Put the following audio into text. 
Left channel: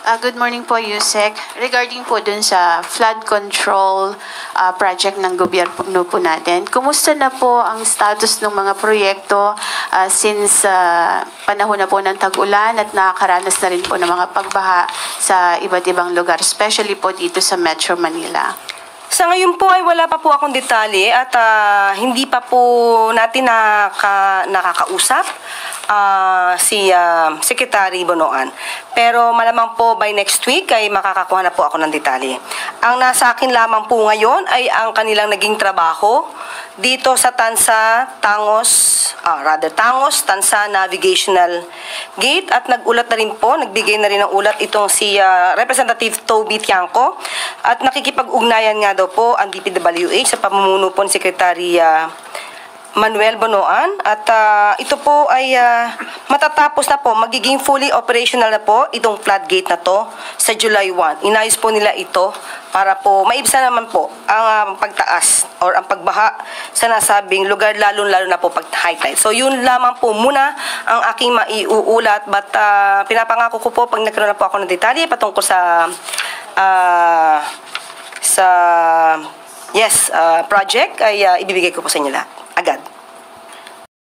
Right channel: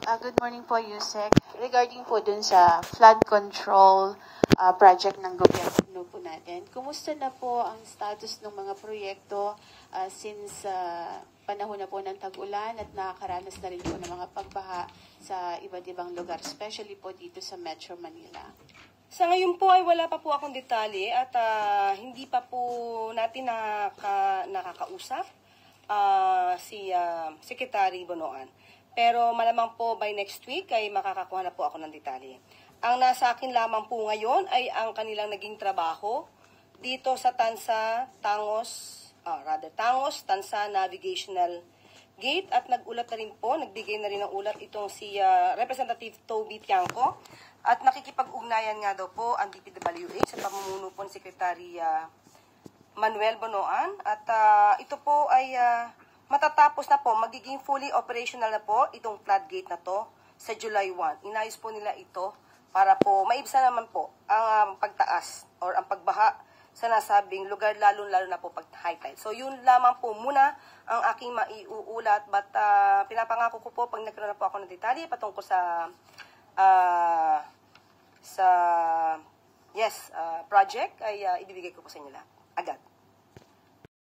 Good morning po, Yusek. Regarding po dun sa flood control project ng gobyerno po natin, kumusta na po ang status ng mga proyekto since panahon na po ng tag-ulan at nakakaranas na rin po ng mga pagbaha sa iba't ibang lugar, especially po dito sa Metro Manila? Sa ngayon po ay wala pa po akong detalye at hindi pa po natin nakakausap si Secretary Bonoan. Pero malamang po by next week ay makakakuha na po ako ng detalye. Ang nasa akin lamang po ngayon ay ang kanilang naging trabaho dito sa Tangos-Tansa Navigational Gate at nagulat na rin po, nagbigay na rin ng ulat itong si Representative Toby Tiangco at nakikipag-ugnayan nga daw po ang DPWH sa pamumuno po ni Secretary Manuel Bonoan at ito po ay matatapos na po, magiging fully operational na po itong floodgate na to sa July 1. Inayos po nila ito para po maibsan naman po ang pagtaas or ang pagbaha sa nasabing lugar, lalo-lalo na po pag high tide. So yun lamang po muna ang aking maiuulat, but pinapangako ko po pag nagkaroon na po ako ng detalye patungkol sa project ay ibibigay ko po sa inyo lahat agad.